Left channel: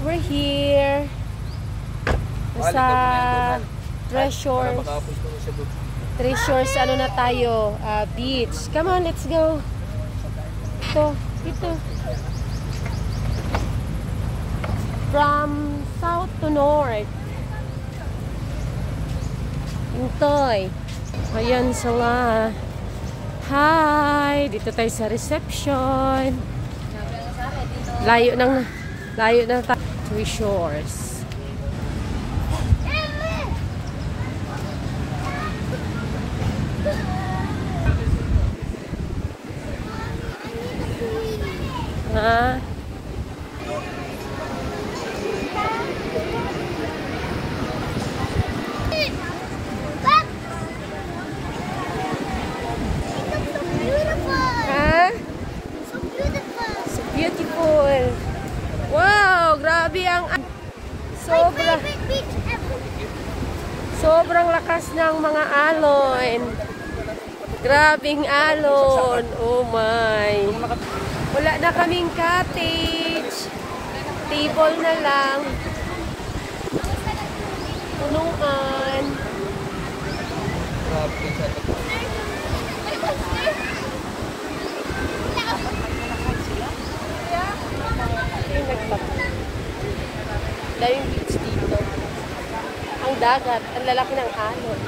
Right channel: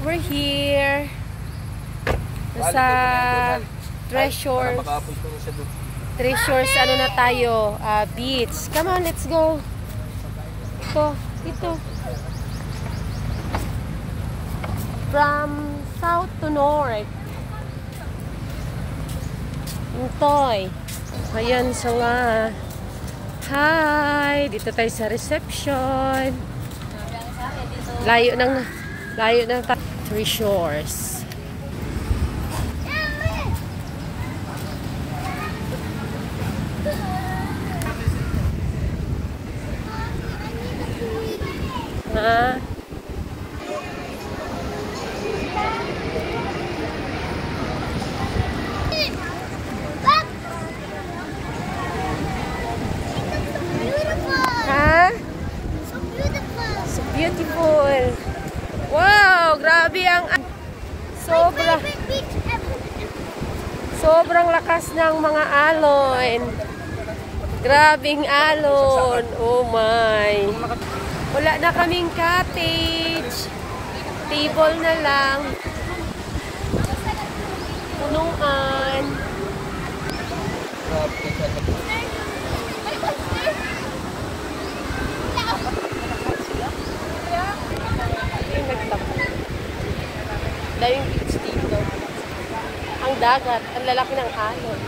We're here sa Treasures, ano na tayo, beach. Come on, let's go. Ito. From south to north. Intoy. Ayan sila. Hi! Dito tayo sa reception. Layo ng Treasures. Ha? Beautiful. Wow, grabe ang sobrang lakas ng mga alon. Grabing alon. Oh my. Wala na kaming cottage. Table na lang. Punuan. Yung beach dito. Ang dagat, ang lalaki ng alon.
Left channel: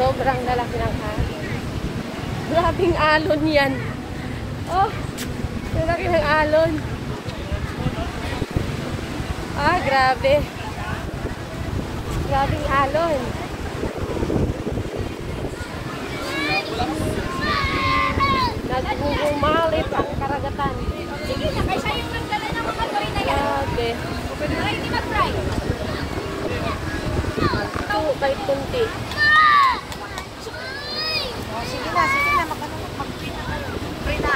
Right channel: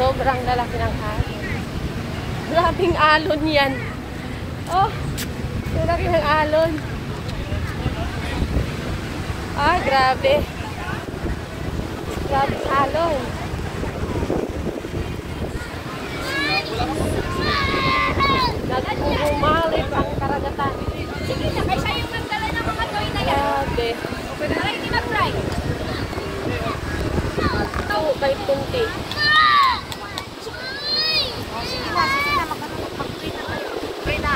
Sobrang lalaki ng alon. Grabing alon yan. Oh, lalaki ng alon. Ah, grabe. Grabing alon. Nagbubumalit ang karagatan. Sige na, kaysa yung nagdala ng mga toy na yan. Grabe. Para hindi mag-fry. Ito, kahit kunti. Sige na, mag-fry na.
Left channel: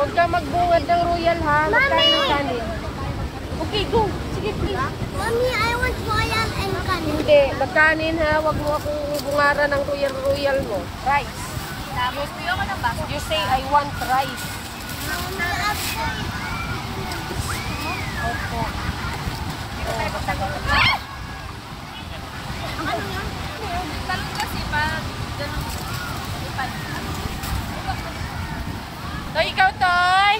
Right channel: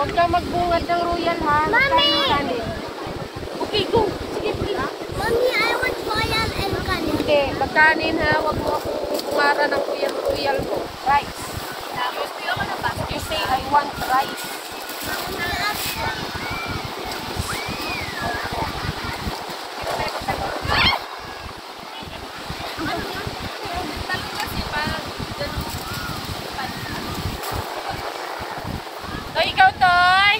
Huwag ka magbungad ng royal ha. Magkain ng kanin. Okay, go. Sige, please. Mommy, I want royal and kanin. Hindi, magkanin ha. Huwag mo akong bungara ng royal mo. Rice. You say, I want rice. So, ikaw, Toy.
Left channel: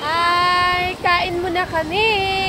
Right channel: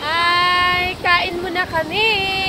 Hi, kain mo na kami.